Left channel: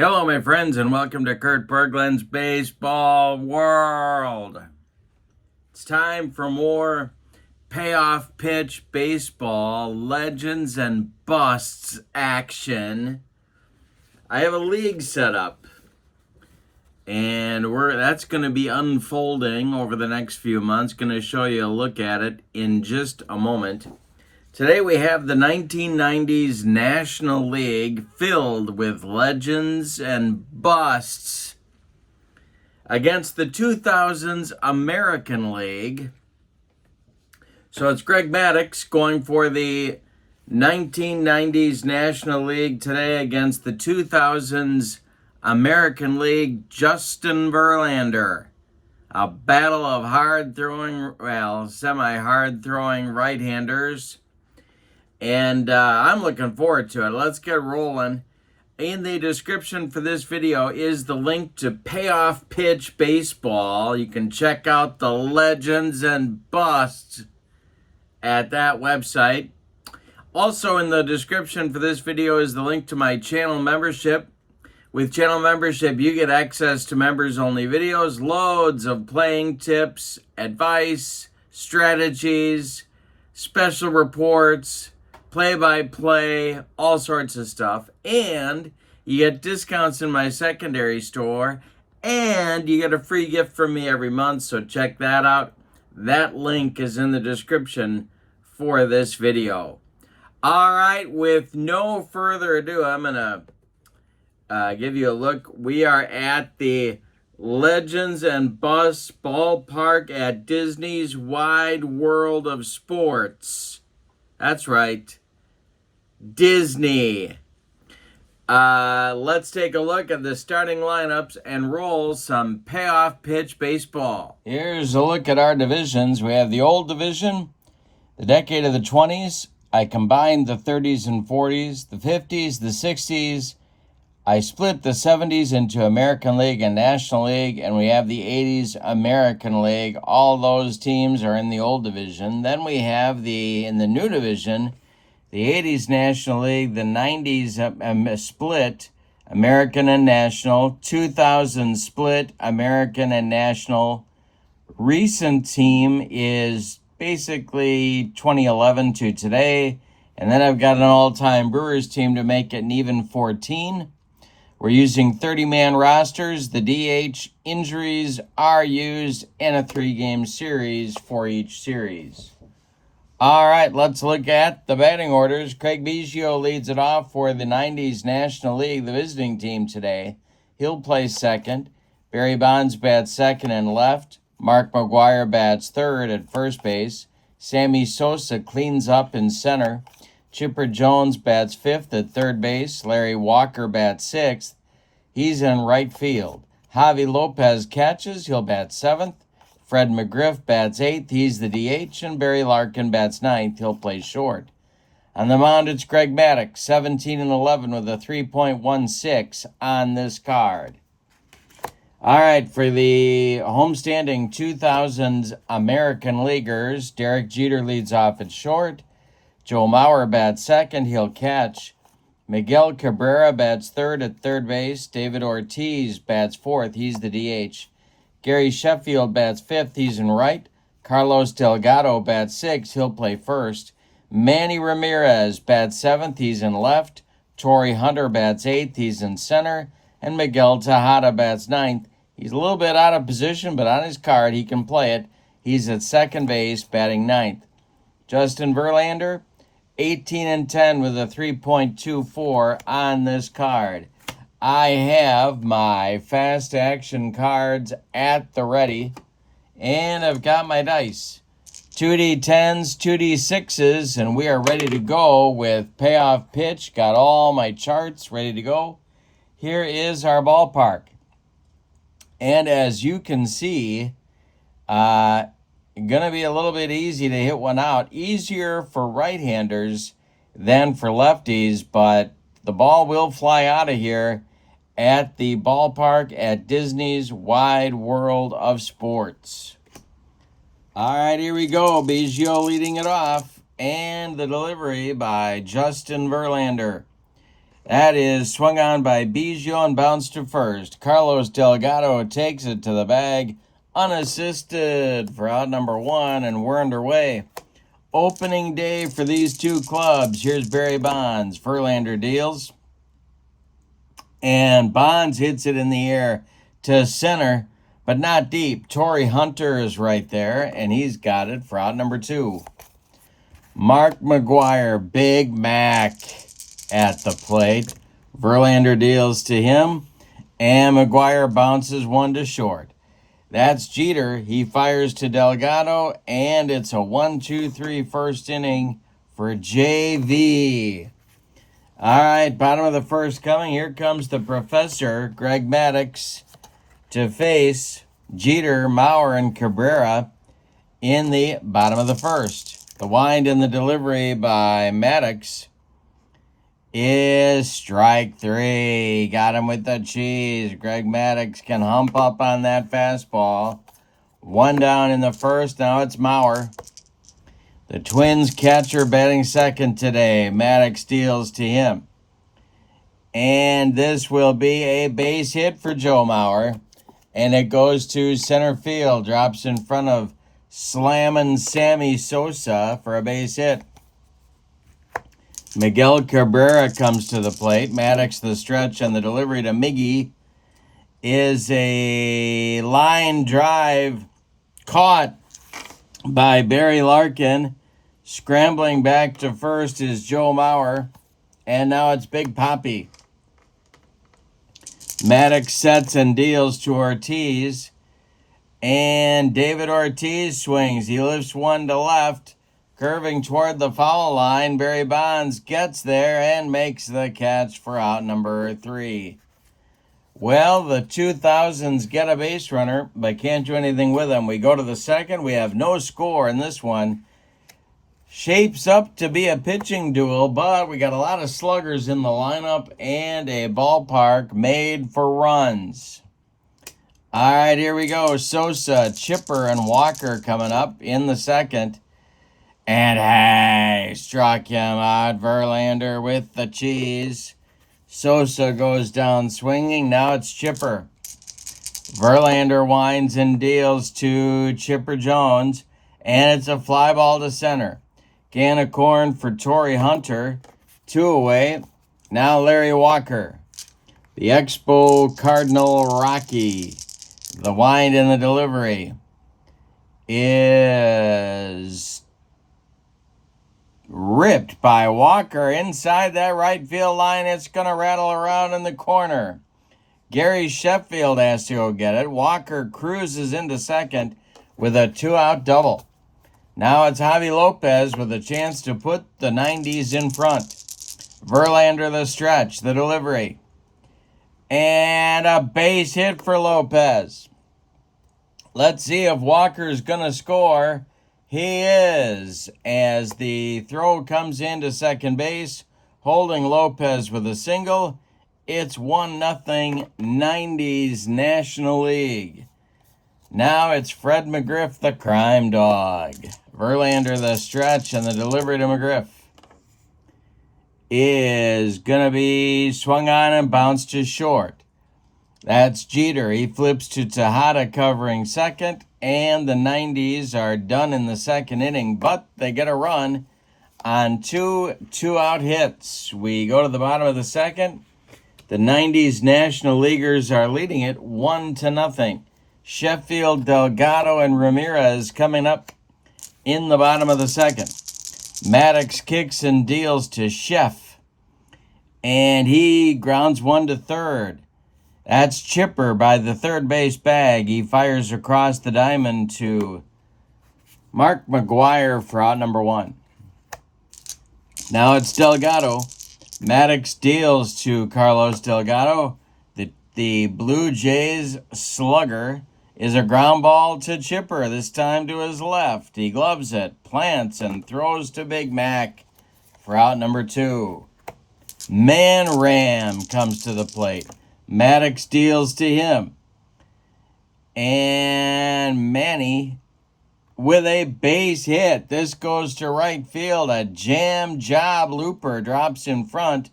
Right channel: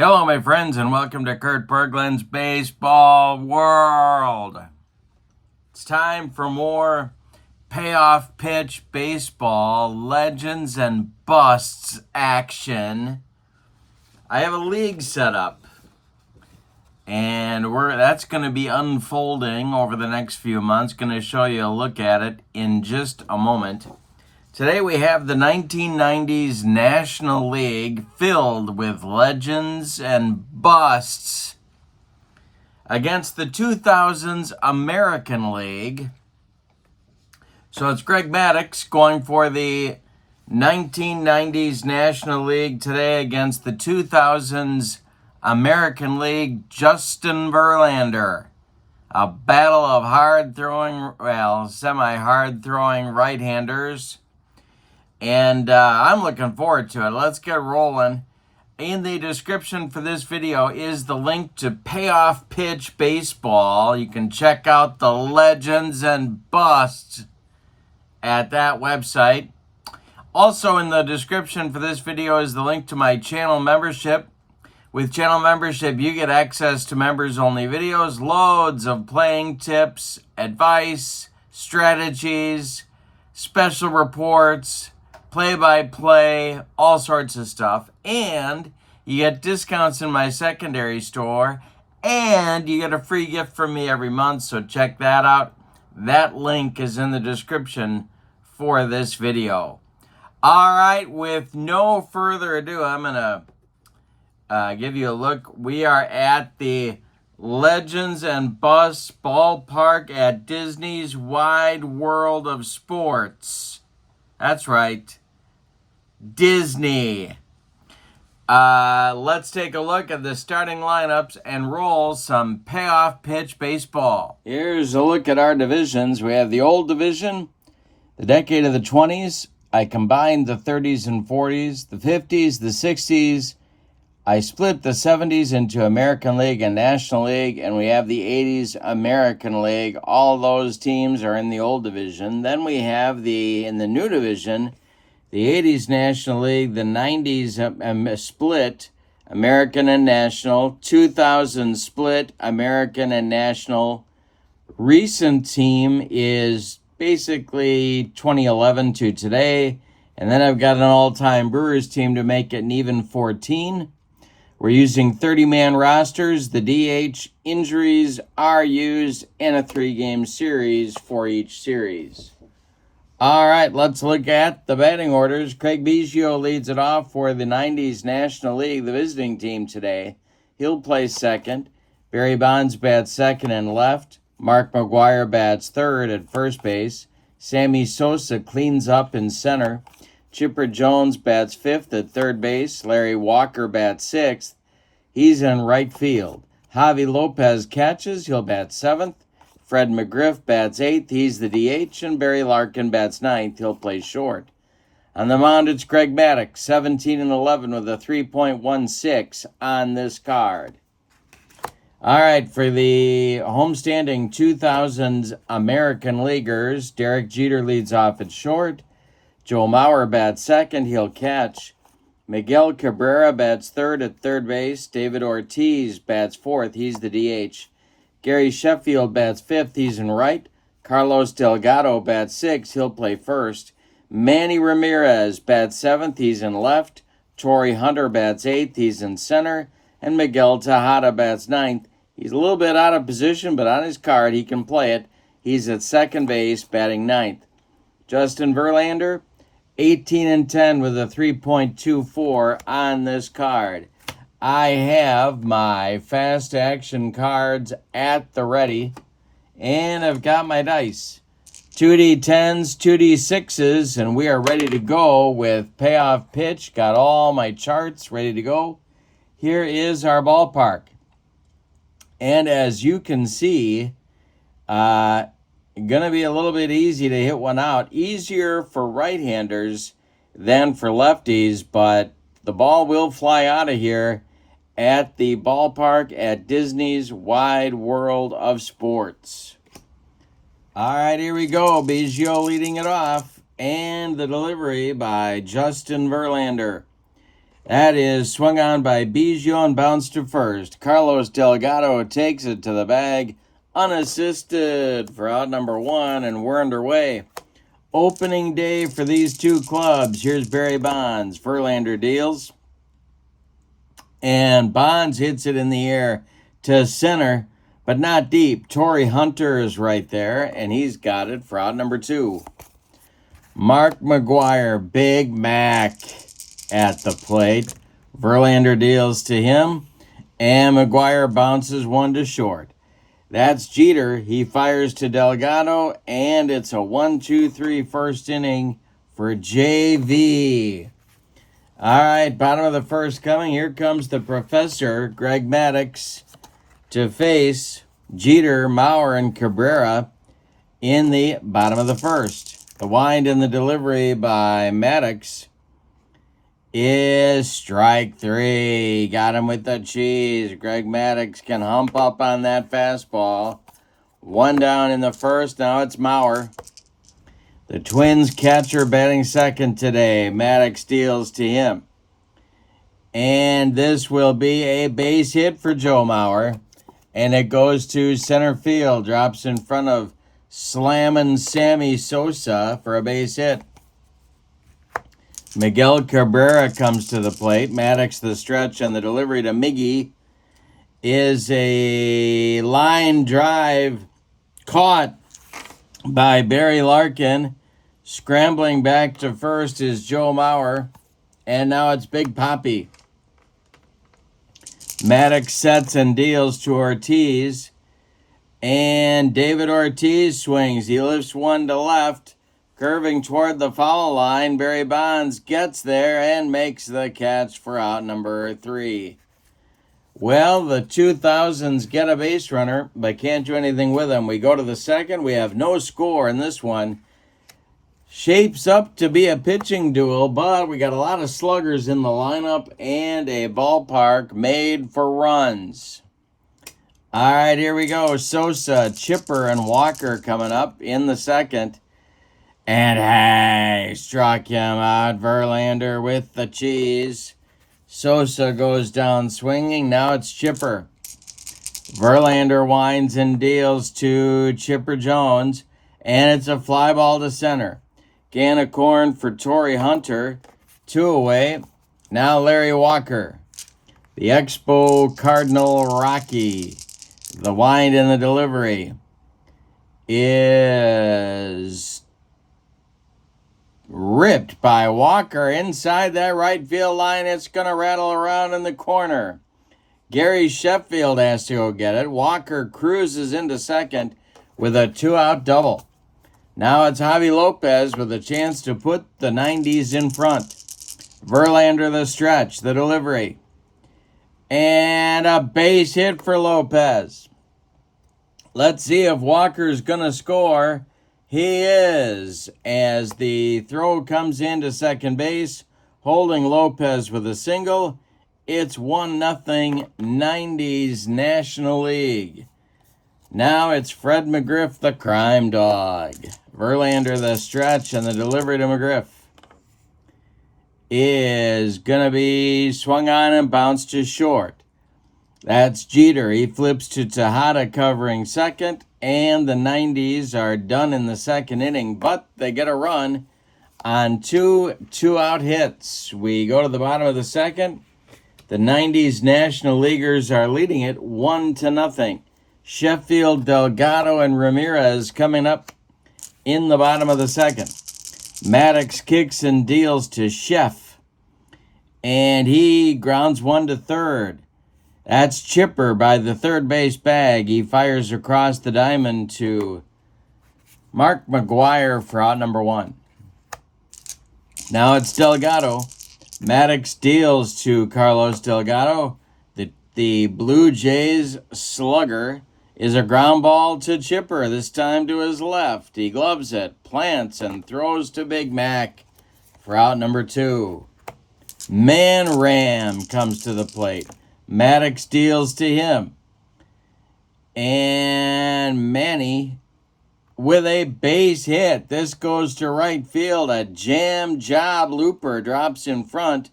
Hello, my friends, and welcome to Kurt Berglund's Baseball World. It's time for more payoff pitch baseball, legends and busts action. I have a league set up, and that's going to be unfolding over the next few months. Going to show you a look at it in just a moment. Today we have the 1990s National League filled with legends and busts against the 2000s American League. So it's Greg Maddux going for the 1990s National League today against the 2000s American League, Justin Verlander. A battle of semi-hard throwing right-handers. And I'm looking forward to it. Let's get rolling. In the description for this video is the link to Payoff Pitch Baseball. You can check out the legends and busts at that website. Also in the description for this video is the link to my channel membership. With channel membership, you get access to members-only videos, loads of playing tips, advice, strategies, special reports, play-by-play, all sorts of stuff. And you get discounts in my secondary store, and you get a free gift from me every month, so check that out. That link is in the description for this video. All right, with no further ado, I'm going to give you a look. We are at the Legends and Busts ballpark at Disney's Wide World of Sports. That's right, Disney. Let's take a look at the starting lineups and roll some payoff pitch baseball. Here's a look at our divisions. We have the old division, the decade of the 20s. I combined the 30s and 40s, the 50s, the 60s. I split the 70s into American League and National League, and we have the 80s American League. All those teams are in the old division. Then we have in the new division, the 80s National League, the 90s split, American and National, 2000 split, American and National. Recent team is basically 2011 to today, and then I've got an all-time Brewers team to make it an even 14. We're using 30-man rosters. The DH injuries are used in a 3-game series for each series. All right, let's look at the batting orders. Craig Biggio leads it off for the 90s National League, the visiting team today. He'll play second. Barry Bonds bats second and left. Mark McGwire bats third at first base. Sammy Sosa cleans up in center. Chipper Jones bats fifth at third base. Larry Walker bats sixth. He's in right field. Javi Lopez catches. He'll bat seventh. Fred McGriff bats eighth. He's the DH. And Barry Larkin bats ninth. He'll play short. On the mound, it's Greg Maddux, 17 and 11 with a 3.16 on this card. All right, for the homestanding 2000s American Leaguers, Derek Jeter leads off at short. Joe Mauer bats second. He'll catch. Miguel Cabrera bats third at third base. David Ortiz bats fourth. He's the DH. Gary Sheffield bats fifth. He's in right. Carlos Delgado bats sixth. He'll play first. Manny Ramirez bats seventh. He's in left. Torrey Hunter bats eighth. He's in center. And Miguel Tejada bats ninth. He's a little bit out of position, but on his card he can play it. He's at second base, batting ninth. Justin Verlander, 18 and 10 with a 3.24 on this card. I have my fast action cards at the ready, and I've got my dice. 2D10s, 2D6s, and we are ready to go with payoff pitch. Got all my charts ready to go. Here is our ballpark. And as you can see, gonna be a little bit easy to hit one out. Easier for right-handers than for lefties, but the ball will fly out of here at the ballpark at Disney's Wide World of Sports. All right, here we go. Biggio leading it off, and the delivery by Justin Verlander. That is swung on by Biggio and bounced to first. Carlos Delgado takes it to the bag, unassisted for out number 1, and we're underway. Opening day for these two clubs. Here's Barry Bonds. Verlander deals. And Bonds hits it in the air to center, but not deep. Torrey Hunter is right there, and he's got it for out number 2. Mark McGwire, Big Mac at the plate. Verlander deals to him, and McGwire bounces 1 to short. That's Jeter. He fires to Delgado, and it's a 1-2-3 first inning for JV. All right, bottom of the first coming. Here comes the professor, Greg Maddux, to face Jeter, Mauer, and Cabrera in the bottom of the first. The wind and the delivery by Maddux is strike 3. Got him with the cheese. Greg Maddux can hump up on that fastball. 1 down in the first. Now it's Mauer. The Twins catcher batting second today. Maddux deals to him. And this will be a base hit for Joe Mauer. And it goes to center field. Drops in front of slamming Sammy Sosa for a base hit. Miguel Cabrera comes to the plate. Maddux the stretch, and the delivery to Miggy is a line drive caught by Barry Larkin. Scrambling back to first is Joe Mauer, and now it's Big Papi. Maddux sets and deals to Ortiz, and David Ortiz swings. He lifts 1 to left. Curving toward the foul line, Barry Bonds gets there and makes the catch for out number 3. Well, the 2000s get a base runner, but can't do anything with him. We go to the second. We have no score in this one. Shapes up to be a pitching duel, but we got a lot of sluggers in the lineup and a ballpark made for runs. All right, here we go. Sosa, Chipper, and Walker coming up in the second. And hey, struck him out. Verlander with the cheese. Sosa goes down swinging. Now it's Chipper. Verlander winds and deals to Chipper Jones. And it's a fly ball to center. Can of corn for Torrey Hunter. 2 away. Now Larry Walker. The Expo Cardinal Rocky. The wind and the delivery is ripped by Walker inside that right field line. It's going to rattle around in the corner. Gary Sheffield has to go get it. Walker cruises into second with a 2-out double. Now it's Javi Lopez with a chance to put the 90s in front. Verlander the stretch, the delivery. And a base hit for Lopez. Let's see if Walker's going to score. He is, as the throw comes into second base, holding Lopez with a single. It's 1-0 90s National League. Now it's Fred McGriff, the crime dog. Verlander the stretch, and the delivery to McGriff is going to be swung on and bounced to short. That's Jeter. He flips to Tejada covering second. And the 90s are done in the second inning, but they get a run on 2 2-out hits. We go to the bottom of the second. The 90s National Leaguers are leading it 1-0. Sheffield, Delgado, and Ramirez coming up in the bottom of the second. Maddux kicks and deals to Sheff, and he grounds 1 to third. That's Chipper by the third base bag. He fires across the diamond to Mark McGwire for out number 1. Now it's Delgado. Maddux deals to Carlos Delgado. The Blue Jays slugger is a ground ball to Chipper, this time to his left. He gloves it, plants, and throws to Big Mac for out number 2. Man Ram comes to the plate. Maddux deals to him. And Manny with a base hit. This goes to right field. A jam job looper drops in front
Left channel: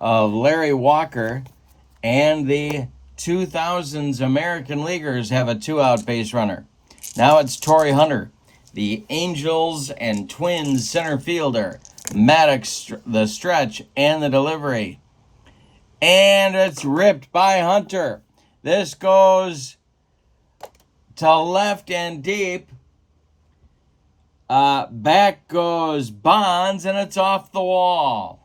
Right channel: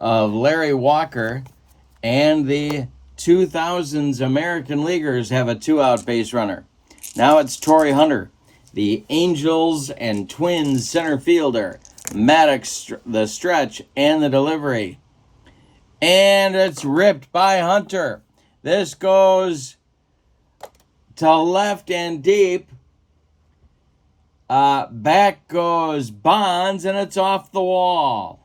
of Larry Walker, and the 2000s American Leaguers have a 2-out base runner. Now it's Torrey Hunter, the Angels and Twins center fielder. Maddux, the stretch and the delivery. And it's ripped by Hunter. This goes to left and deep. Back goes Bonds, and it's off the wall.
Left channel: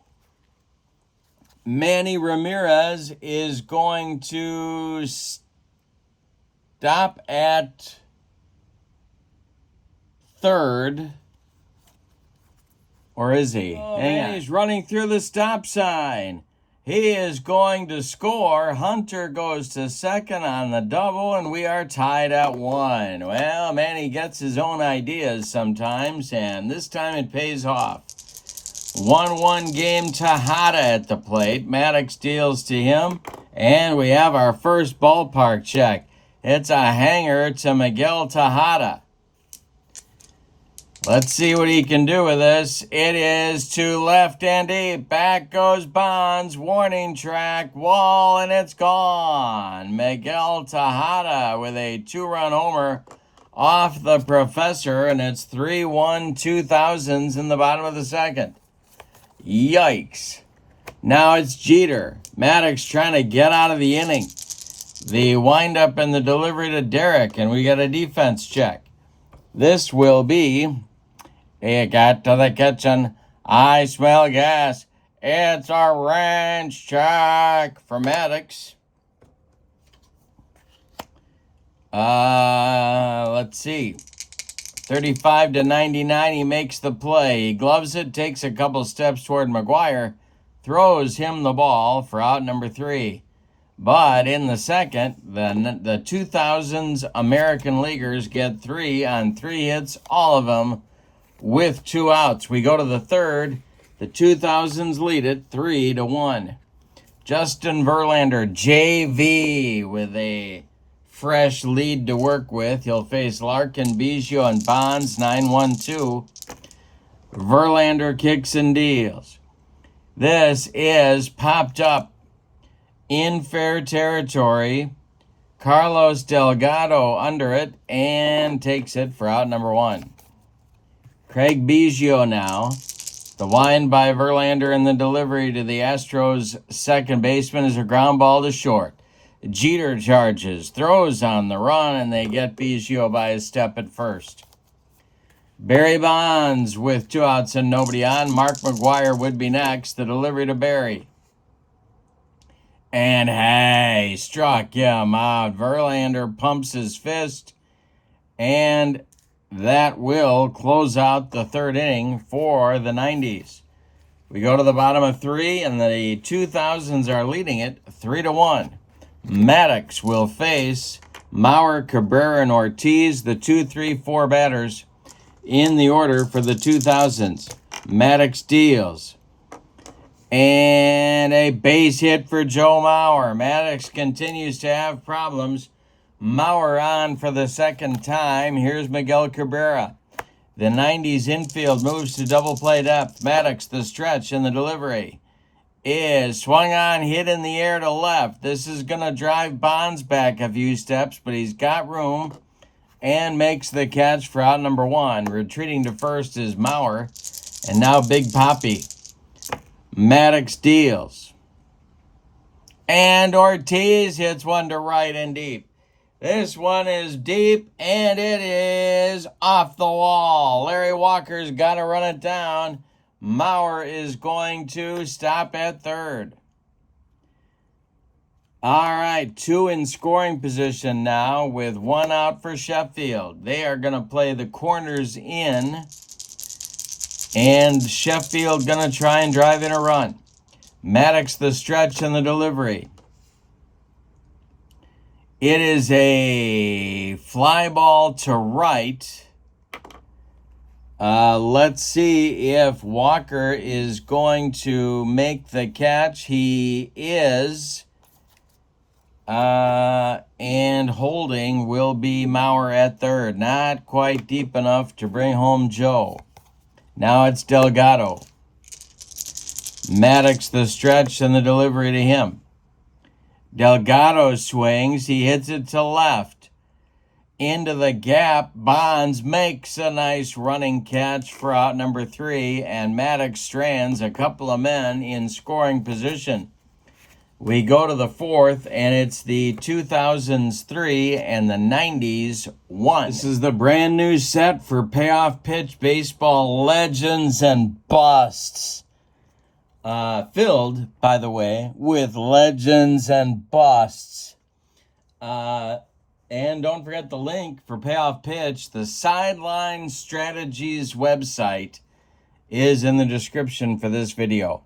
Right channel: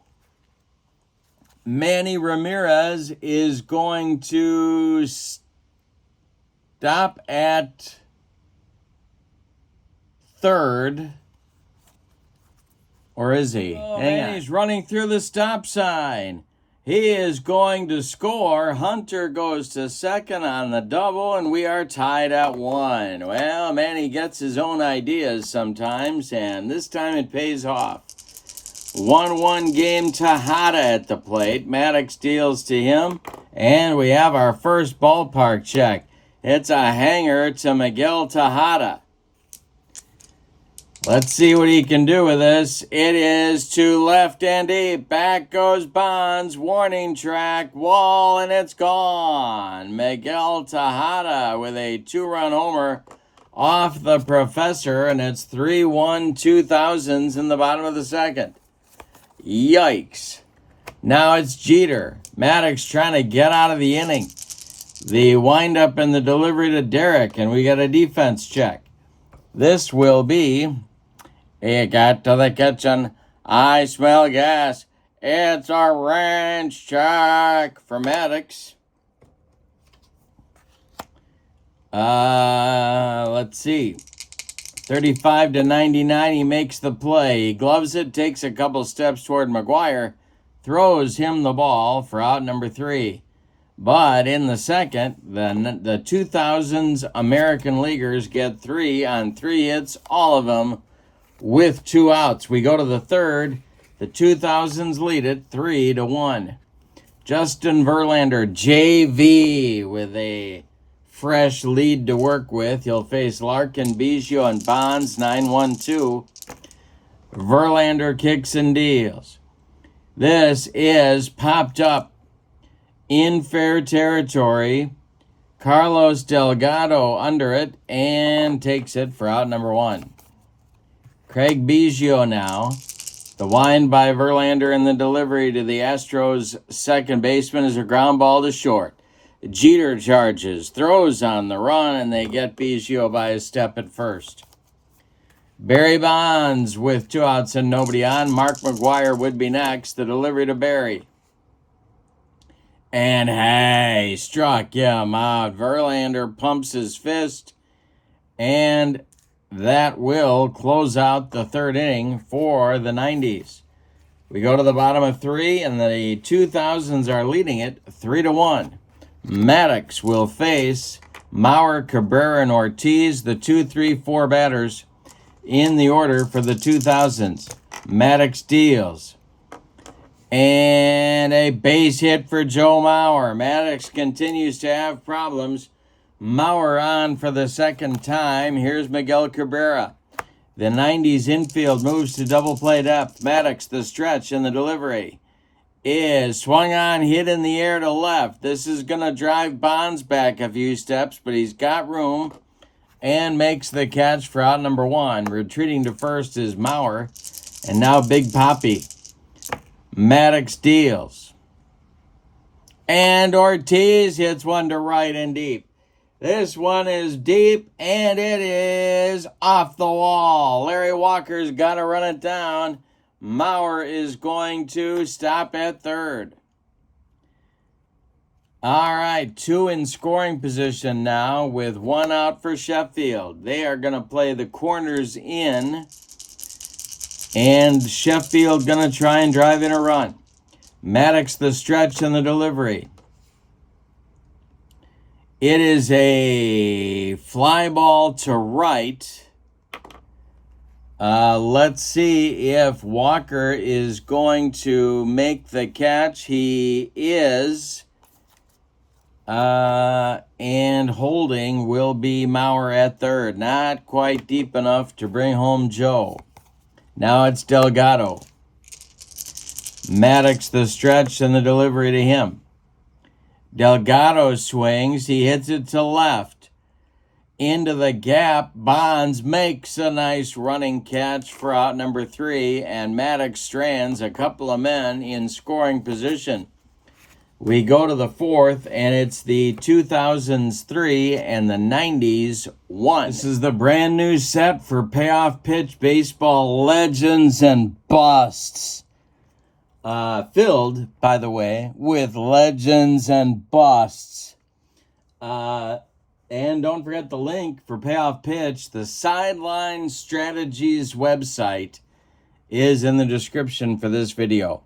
Manny Ramirez is going to stop at third. Or is he? Oh, man, he's running through the stop sign. He is going to score. Hunter goes to second on the double, and we are tied at 1. Well, Manny gets his own ideas sometimes, and this time it pays off. 1-1 game. Tejada at the plate. Maddux deals to him, and we have our first ballpark check. It's a hanger to Miguel Tejada. Let's see what he can do with this. It is to left and deep. Back goes Bonds. Warning track. Wall, and it's gone. Miguel Tejada with a 2-run homer off the professor, and it's 3-1 2000s in the bottom of the second. Yikes. Now it's Jeter. Maddux trying to get out of the inning. The windup and the delivery to Derek, and we get a defense check. This will be... He got to the kitchen. I smell gas. It's a ranch check for Maddux. Let's see. 35 to 99. He makes the play. He gloves it, takes a couple steps toward McGuire, throws him the ball for out number 3. But in the second, the 2000s American Leaguers get 3 on 3 hits, all of them with 2 outs. We go to the third. The 2000s lead it 3-1. Justin Verlander, JV, with a fresh lead to work with. He'll face Larkin, Biggio, and Bonds, 9-1-2. Verlander kicks and deals. This is popped up in fair territory. Carlos Delgado under it and takes it for out number 1. Craig Biggio now. The wind by Verlander and the delivery to the Astros second baseman is a ground ball to short. Jeter charges, throws on the run, and they get Biggio by a step at first. Barry Bonds with 2 outs and nobody on. Mark McGuire would be next. The delivery to Barry. And hey, struck him out. Verlander pumps his fist, and that will close out the third inning for the 90s. We go to the bottom of 3, and the 2000s are leading it 3-1. Maddux will face Mauer, Cabrera, and Ortiz, the 2, 3, 4 batters in the order for the 2000s. Maddux deals. And a base hit for Joe Mauer. Maddux continues to have problems. Mauer on for the second time. Here's Miguel Cabrera. The 90s infield moves to double play depth. Maddux, the stretch and the delivery, is swung on, hit in the air to left. This is going to drive Bonds back a few steps, but he's got room and makes the catch for out number 1. Retreating to first is Mauer, and now Big Papi. Maddux deals. And Ortiz hits one to right and deep. This one is deep, and it is off the wall. Larry Walker's got to run it down. Mauer is going to stop at third. All right, 2 in scoring position now with 1 out for Sheffield. They are going to play the corners in, and Sheffield going to try and drive in a run. Maddux, the stretch and the delivery. It is a fly ball to right. Let's see if Walker is going to make the catch. He is. And holding will be Mauer at third. Not quite deep enough to bring home Joe. Now it's Delgado. Maddux the stretch and the delivery to him. Delgado swings. He hits it to left. Into the gap. Bonds makes a nice running catch for out number 3. And Maddux strands a couple of men in scoring position. We go to the 4th, and it's the 2000s 3 and the 90s 1. This is the brand new set for Payoff Pitch Baseball Legends and Busts. Filled, by the way, with Legends and Busts. And don't forget the link for Payoff Pitch. The Sideline Strategies website is in the description for this video.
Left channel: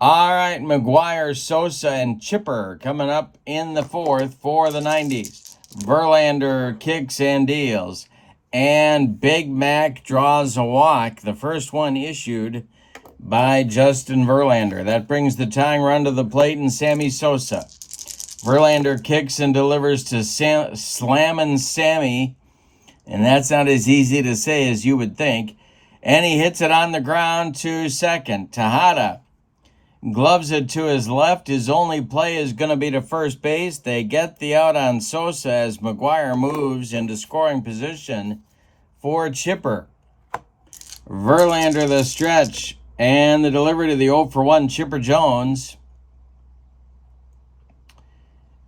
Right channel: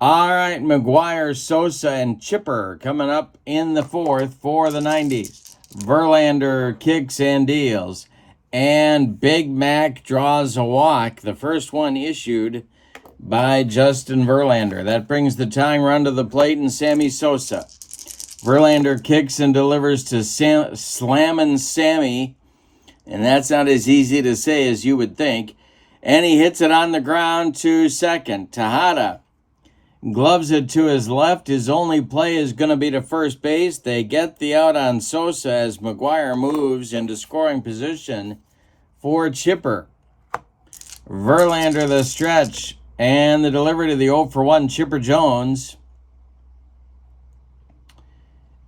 All right, McGuire, Sosa, and Chipper coming up in the 4th for the 90s. Verlander kicks and deals. And Big Mac draws a walk. The first one issued by Justin Verlander. That brings the tying run to the plate and Sammy Sosa. Verlander kicks and delivers to Slammin' Sammy. And that's not as easy to say as you would think. And he hits it on the ground to second. Tejada gloves it to his left. His only play is going to be to first base. They get the out on Sosa as McGuire moves into scoring position for Chipper. Verlander the stretch and the delivery to the 0-for-1 Chipper Jones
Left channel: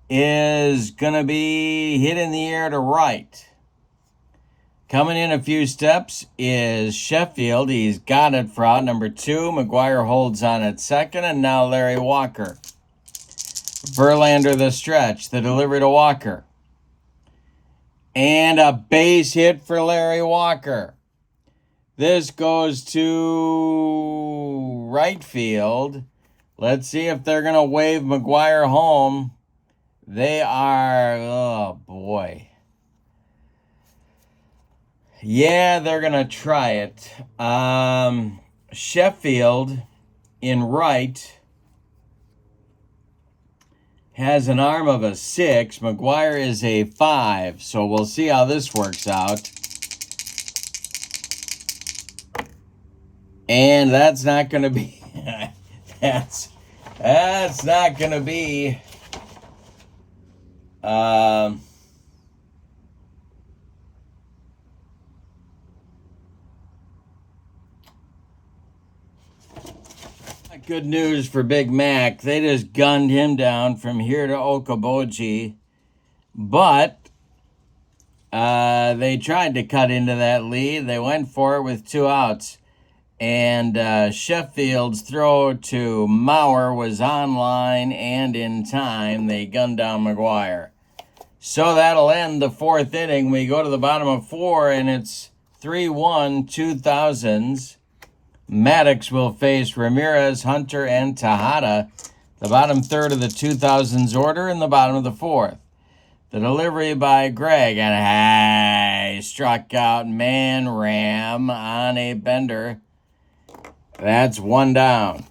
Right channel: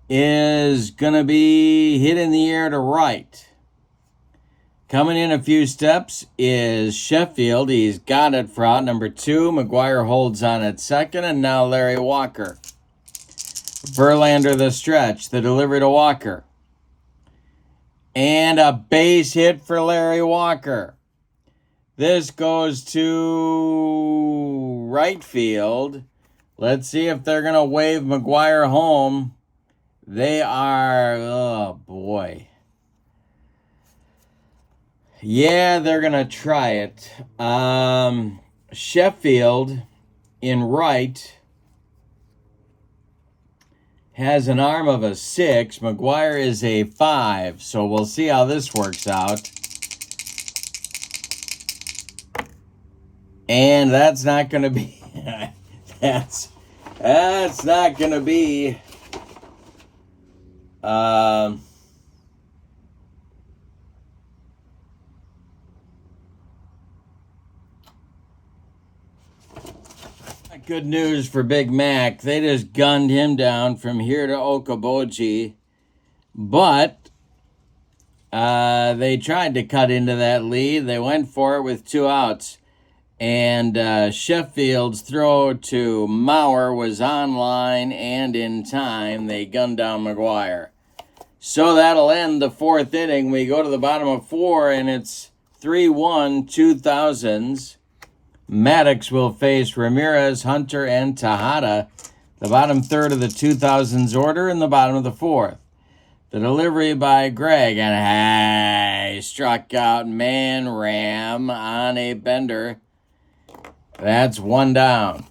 is going to be hit in the air to right. Coming in a few steps is Sheffield. He's got it for out number 2. McGuire holds on at second, and now Larry Walker. Verlander the stretch, the delivery to Walker. And a base hit for Larry Walker. This goes to right field. Let's see if they're going to wave McGuire home. They are, oh boy. Yeah, they're going to try it. Sheffield in right has an arm of a 6. McGuire is a 5. So we'll see how this works out. And that's not going to be... that's not going to be... Good news for Big Mac. They just gunned him down from here to Okoboji. But they tried to cut into that lead. They went for it with 2 outs. And Sheffield's throw to Mauer was online and in time. They gunned down McGuire. So that'll end the 4th inning. We go to the bottom of 4, and it's 3-1 2000s. Maddux will face Ramirez, Hunter, and Tejada. The bottom third of the 2000s order in the bottom of the 4th. The delivery by Greg, and he struck out Man Ram on a bender. That's 1 down.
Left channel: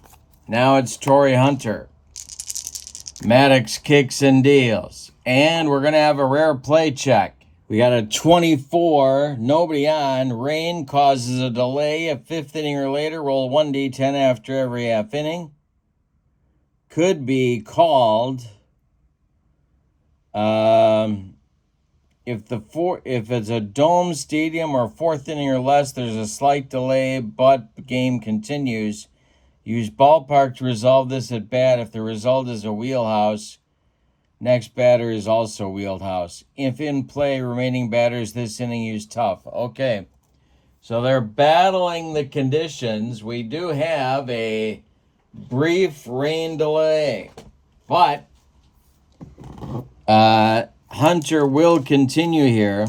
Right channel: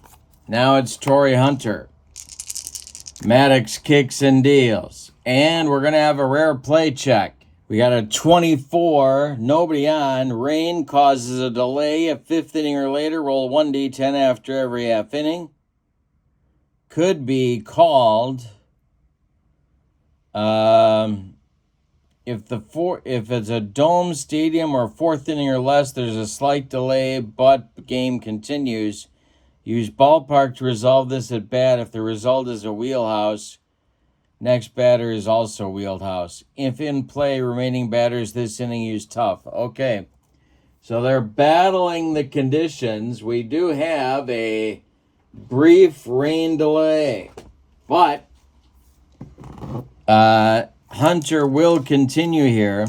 Now it's Torrey Hunter. Maddux kicks and deals. And we're going to have a rare play check. We got a 24, nobody on. Rain causes a delay. A 5th inning or later, roll 1d10 after every half inning. Could be called if it's a dome stadium or 4th inning or less, there's a slight delay, but the game continues. Use ballpark to resolve this at bat. If the result is a wheelhouse, next batter is also wheelhouse. If in play, remaining batters this inning use tough. Okay, so they're battling the conditions. We do have a brief rain delay, but Hunter will continue here.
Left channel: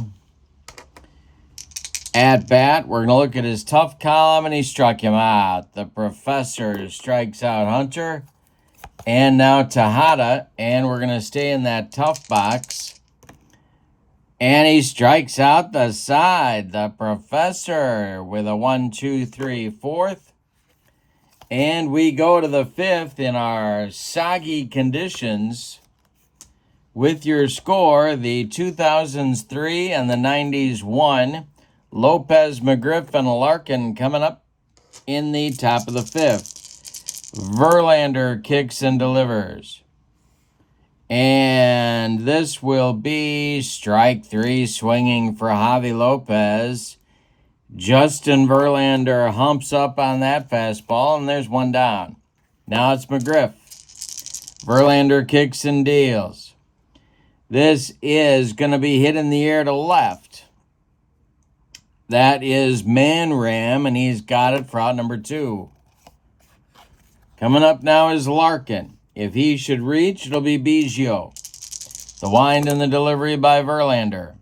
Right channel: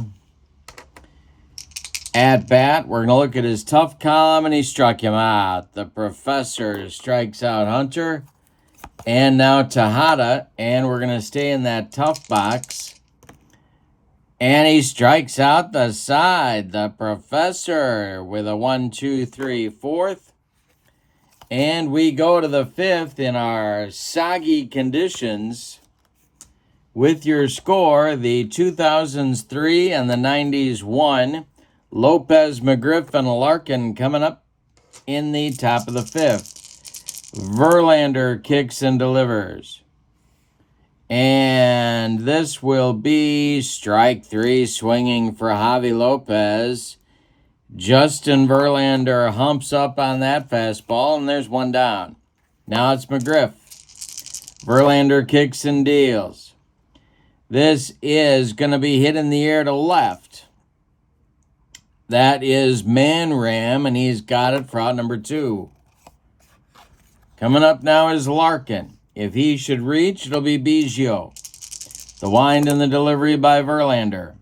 At bat, we're going to look at his tough column, and he struck him out. The professor strikes out Hunter. And now Tejada, and we're going to stay in that tough box. And he strikes out the side. The professor with a 1, 2, 3, 4th. And we go to the 5th in our soggy conditions. With your score, the 2000s 3 and the 90s 1. Lopez, McGriff, and Larkin coming up in the top of the 5th. Verlander kicks and delivers. And this will be strike 3, swinging for Javi Lopez. Justin Verlander humps up on that fastball, and there's one down. Now it's McGriff. Verlander kicks and deals. This is going to be hit in the air to left. That is Manram, and he's got it for out number 2. Coming up now is Larkin. If he should reach, it'll be Biggio. The wind and the delivery by Verlander.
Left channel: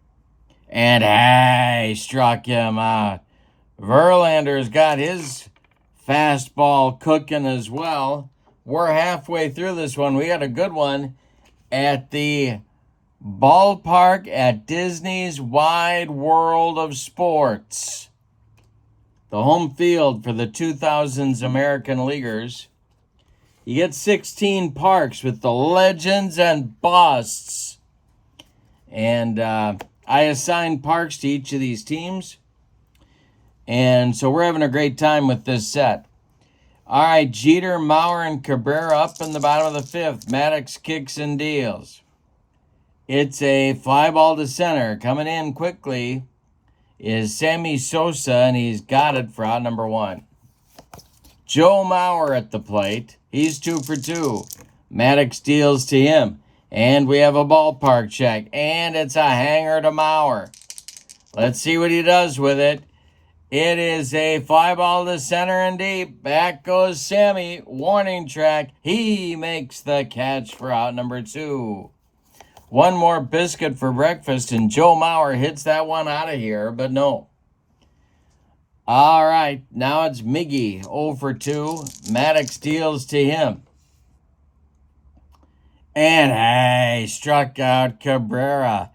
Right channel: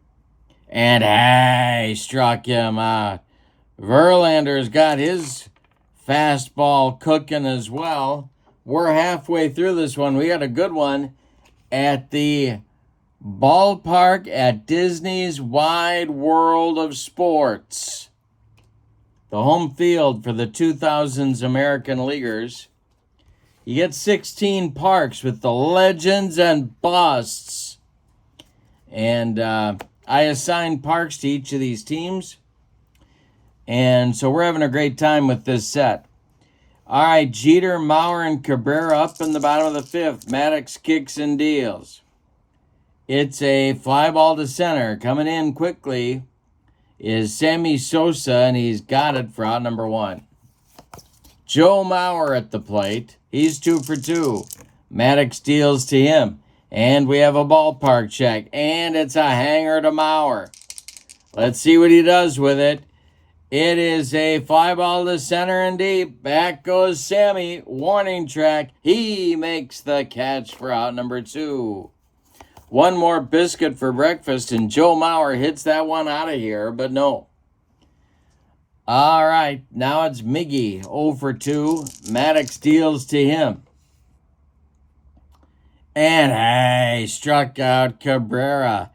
And hey, struck him. Verlander's got his fastball cooking as well. We're halfway through this one. We had a good one at the ballpark at Disney's Wide World of Sports. The home field for the 2000s American Leaguers. You get 16 parks with the legends and busts. And I assigned parks to each of these teams. And so we're having a great time with this set. All right, Jeter, Mauer, and Cabrera up in the bottom of the 5th. Maddux kicks and deals. It's a fly ball to center. Coming in quickly is Sammy Sosa, and he's got it for out number 1. Joe Mauer at the plate. He's 2 for 2. Maddux deals to him. And we have a ballpark check. And it's a hanger to Mauer. Let's see what he does with it. It is a fly ball to center and deep. Back goes Sammy. Warning track. He makes the catch for out number 2. One more biscuit for breakfast, and Joe Mauer hits that one out of here, but no. All right, now it's Miggy, 0 for 2. Maddux deals to him. And hey, struck out Cabrera.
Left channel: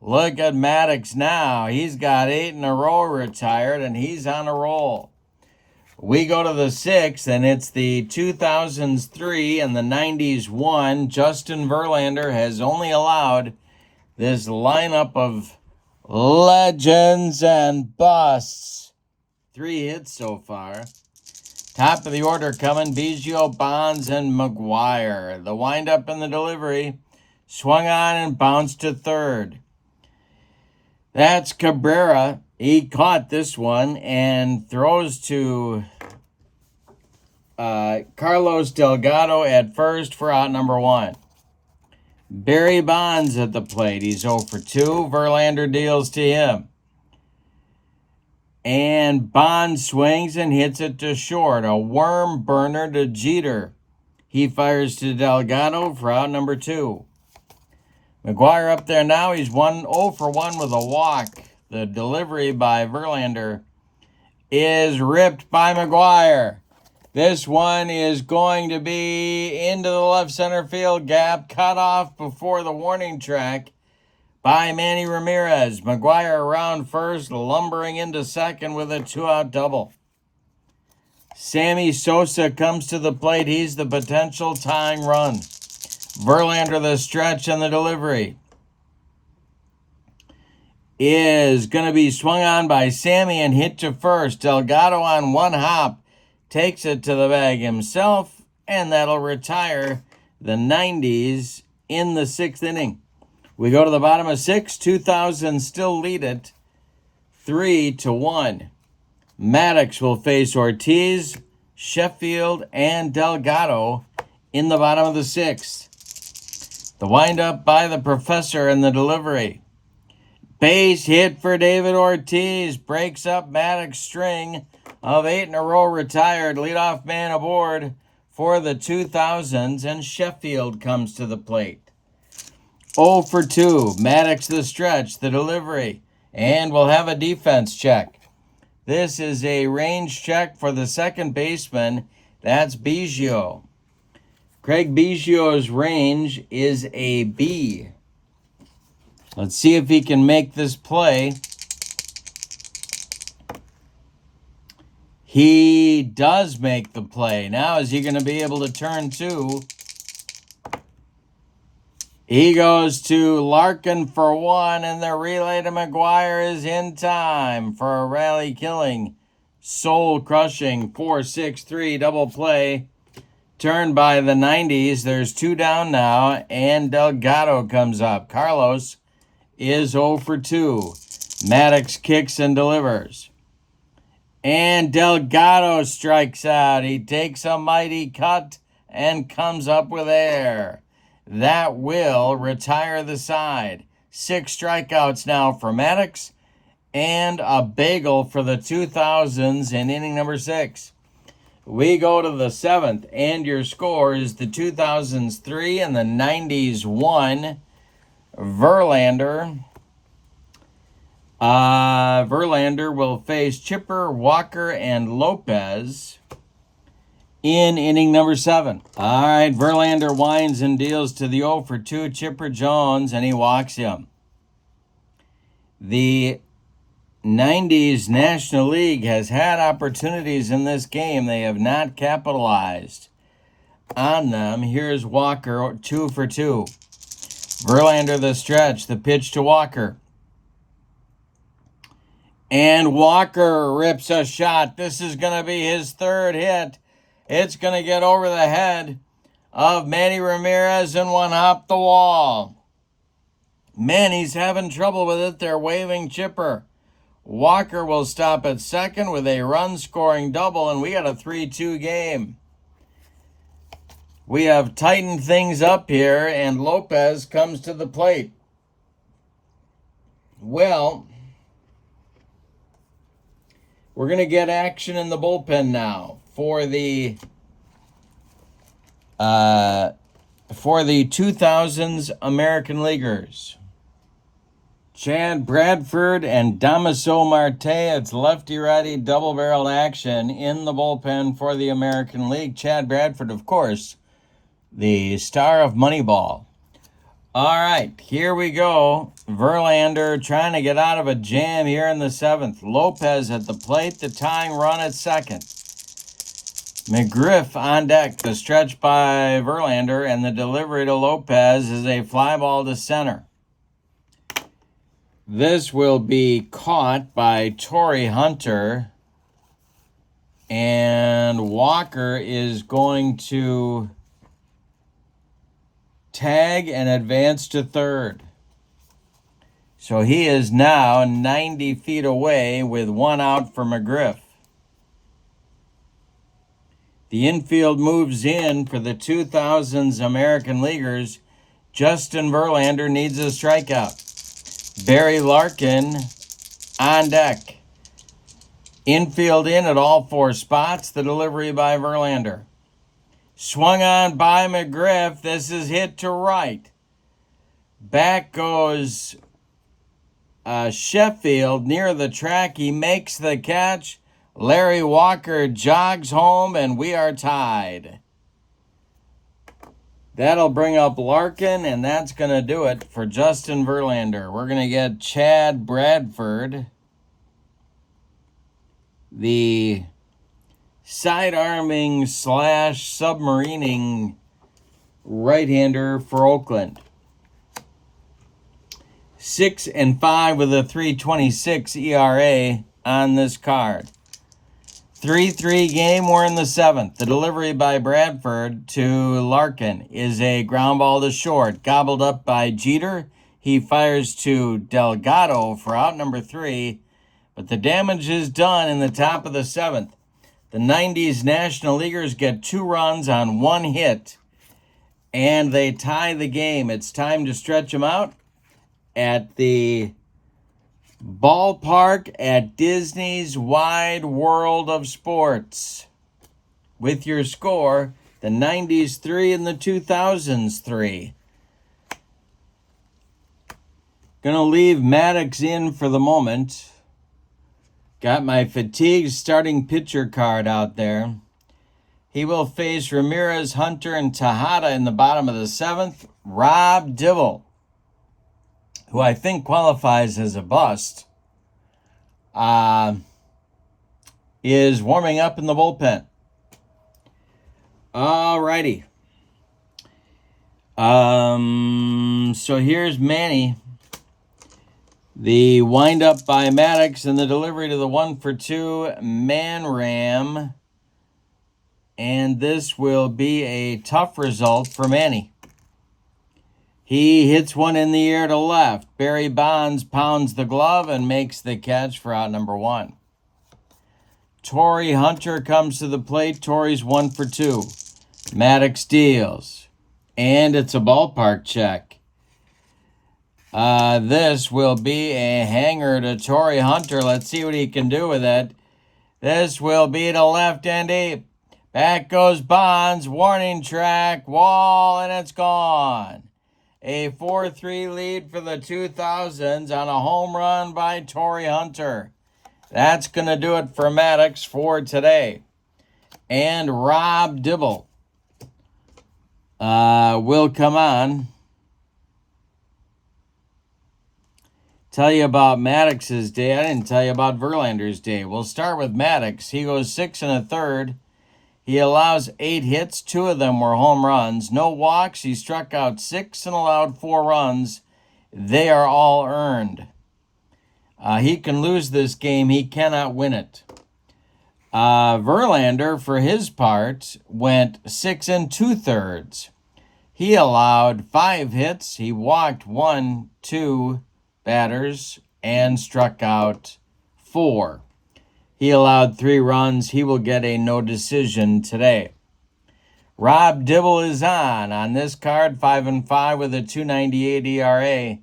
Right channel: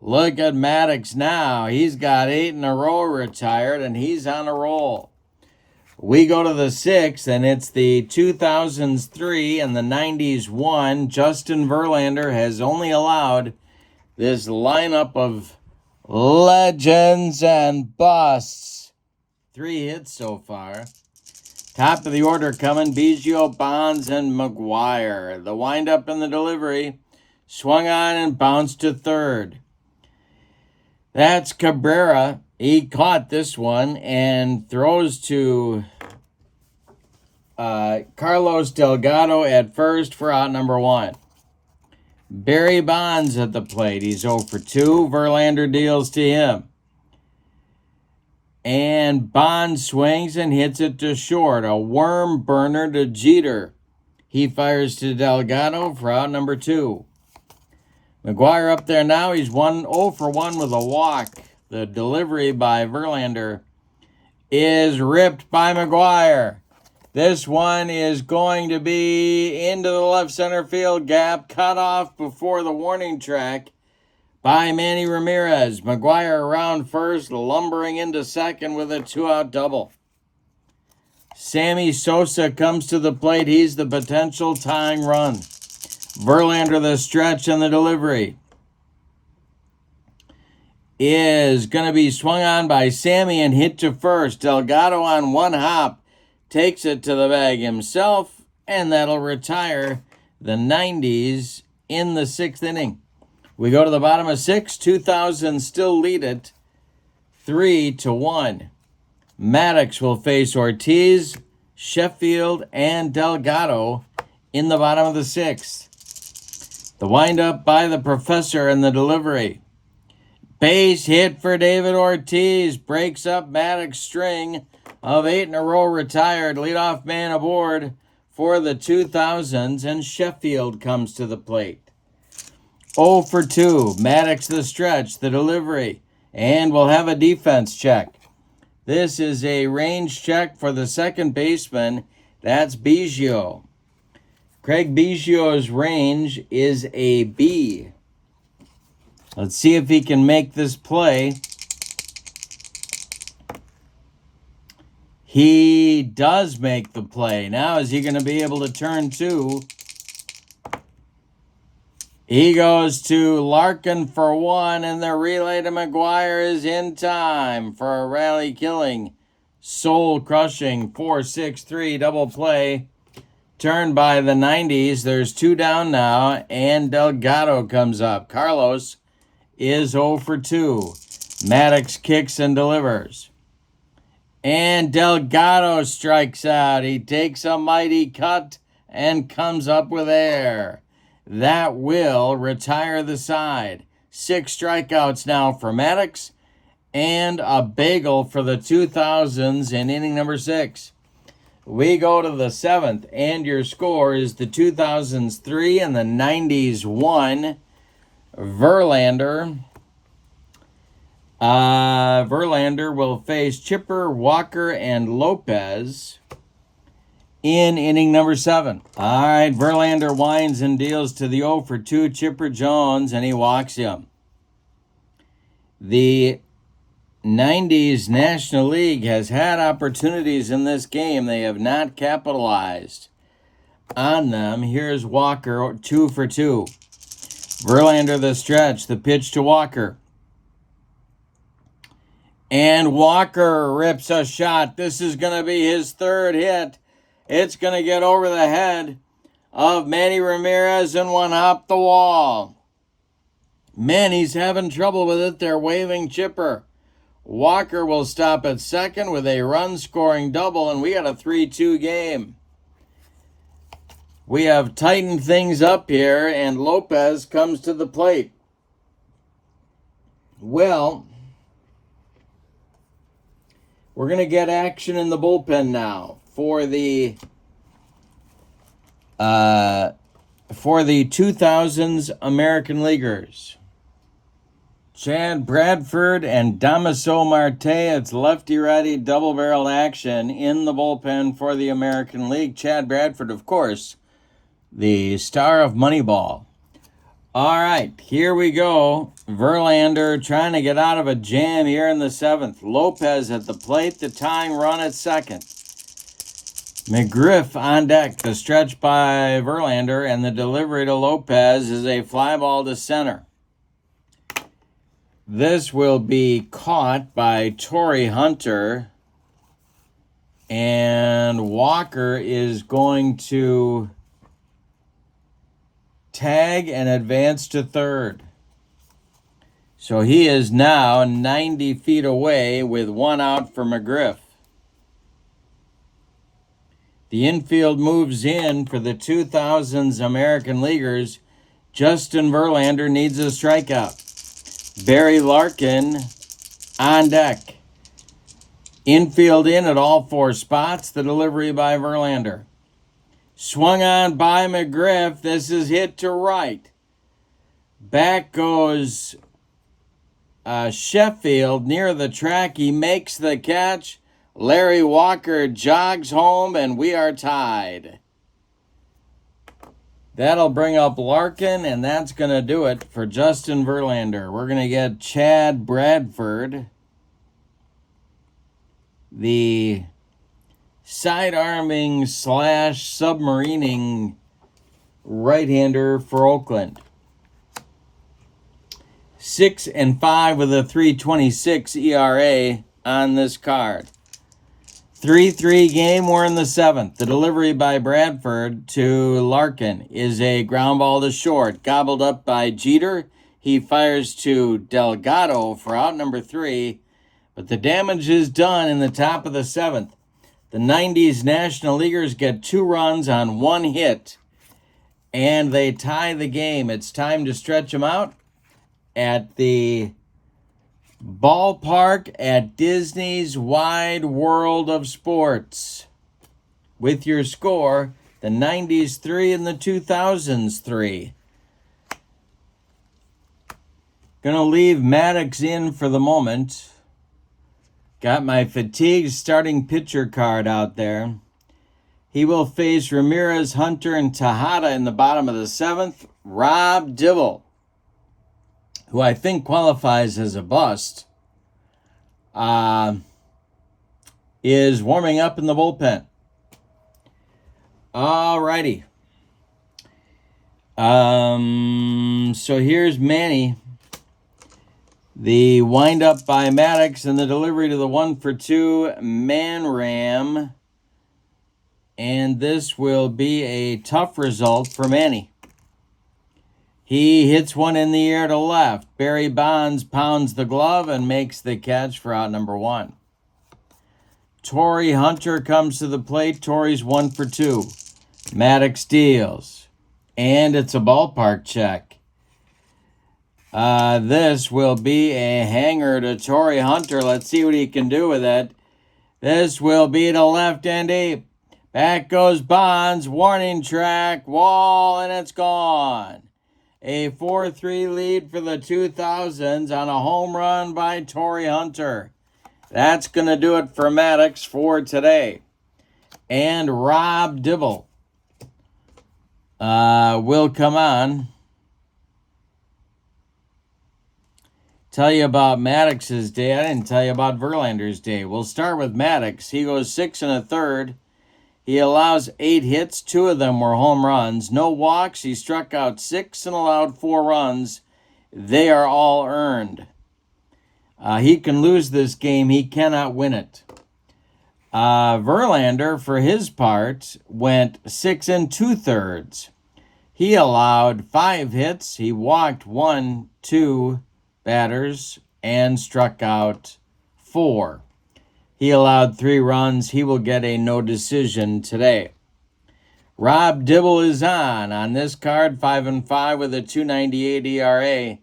Look at Maddux now. He's got 8 in a row retired, and he's on a roll. We go to the 6th, and it's the 2000s 3 and the 90s 1. Justin Verlander has only allowed this lineup of legends and busts. 3 hits so far. Top of the order coming, Biggio, Bonds, and McGuire. The windup and the delivery. Swung on and bounced to 3rd. That's Cabrera. He caught this one and throws to Carlos Delgado at first for out number 1. Barry Bonds at the plate. He's 0 for 2. Verlander deals to him. And Bonds swings and hits it to short. A worm burner to Jeter. He fires to Delgado for out number 2. McGuire up there now. He's 0 for 1 with a walk. The delivery by Verlander is ripped by McGuire. This one is going to be into the left center field gap. Cut off before the warning track by Manny Ramirez. McGuire around first, lumbering into second with a 2-out double. Sammy Sosa comes to the plate. He's the potential tying run. Verlander, the stretch and the delivery, is going to be swung on by Sammy and hit to first. Delgado on one hop takes it to the bag himself, and that'll retire the 90s in the 6th inning. We go to the bottom of 6. 2000 still lead it 3-1. Maddux will face Ortiz, Sheffield, and Delgado in the bottom of the 6th. The windup by the professor and the delivery. Base hit for David Ortiz. Breaks up Maddux' string of 8 in a row retired. Leadoff man aboard for the 2000s, and Sheffield comes to the plate. 0 for 2. Maddux the stretch, the delivery, and we'll have a defense check. This is a range check for the second baseman. That's Biggio. Craig Biggio's range is a B. Let's see if he can make this play. He does make the play. Now is he going to be able to turn 2? He goes to Larkin for 1, and the relay to McGuire is in time for a rally-killing, soul-crushing 4-6-3 double play Turned by the 90s. There's 2 down now, and Delgado comes up. Carlos is 0 for 2. Maddux kicks and delivers. And Delgado strikes out. He takes a mighty cut and comes up with air. That will retire the side. 6 strikeouts now for Maddux, and a bagel for the 2000s in inning number 6. We go to the 7th, and your score is the 2000s 3 and the 90s 1. Verlander. Verlander will face Chipper, Walker, and Lopez in inning number 7. All right, Verlander winds and deals to the 0 for 2 Chipper Jones, and he walks him. The 90s National League has had opportunities in this game. They have not capitalized on them. Here's Walker, 2 for 2. Verlander the stretch, the pitch to Walker. And Walker rips a shot. This is going to be his 3rd hit. It's going to get over the head of Manny Ramirez and one hop the wall. Manny's having trouble with it. They're waving Chipper. Walker will stop at second with a run-scoring double, and we had a 3-2 game. We have tightened things up here, and Lopez comes to the plate. Well, we're going to get action in the bullpen now for the 2000s American Leaguers. Chad Bradford and Damaso Marte. It's lefty-righty double-barreled action in the bullpen for the American League. Chad Bradford, of course, the star of Moneyball. All right, here we go. Verlander trying to get out of a jam here in the 7th. Lopez at the plate, the tying run at second. McGriff on deck. The stretch by Verlander, and the delivery to Lopez is a fly ball to center. This will be caught by Torrey Hunter, and Walker is going to tag and advance to third. So he is now 90 feet away with 1 out for McGriff. The infield moves in for the 2000s American Leaguers. Justin Verlander needs a strikeout. Barry Larkin on deck. Infield in at all 4 spots. The delivery by Verlander. Swung on by McGriff. This is hit to right. Back goes Sheffield near the track. He makes the catch. Larry Walker jogs home, and we are tied. That'll bring up Larkin, and that's going to do it for Justin Verlander. We're going to get Chad Bradford, the side-arming / submarining right-hander for Oakland. 6-5 with a 3.26 ERA on this card. 3-3 game. We're in the 7th. The delivery by Bradford to Larkin is a ground ball to short. Gobbled up by Jeter. He fires to Delgado for out number 3. But the damage is done in the top of the 7th. The 90s National Leaguers get 2 runs on 1 hit, and they tie the game. It's time to stretch them out at the ballpark at Disney's Wide World of Sports. With your score, the 90s 3 and the 2000s 3. Gonna leave Maddux in for the moment. Got my fatigued starting pitcher card out there. He will face Ramirez, Hunter, and Tejada in the bottom of the 7th. Rob Dibble, who I think qualifies as a bust, is warming up in the bullpen. Alrighty. So here's Manny. The windup by Maddux and the delivery to the 1-for-2 Man Ram. And this will be a tough result for Manny. He hits one in the air to left. Barry Bonds pounds the glove and makes the catch for out number 1. Torrey Hunter comes to the plate. Torrey's 1 for 2. Maddux deals. And it's a ballpark check. This will be a hanger to Torrey Hunter. Let's see what he can do with it. This will be to left and deep. Back goes Bonds. Warning track. Wall, and it's gone. A 4-3 lead for the 2000s on a home run by Torrey Hunter. That's going to do it for Maddux for today. And Rob Dibble will come on. Tell you about Maddux's day. I didn't tell you about Verlander's day. We'll start with Maddux. He goes 6 1/3. He allows 8 hits. 2 of them were home runs. No walks. He struck out 6 and allowed 4 runs. They are all earned. He can lose this game. He cannot win it. Verlander, for his part, went 6 2/3. He allowed 5 hits. He walked 2 batters and struck out 4. He allowed 3 runs. He will get a no decision today. Rob Dibble is on this card, 5-5 with a 2.98 ERA.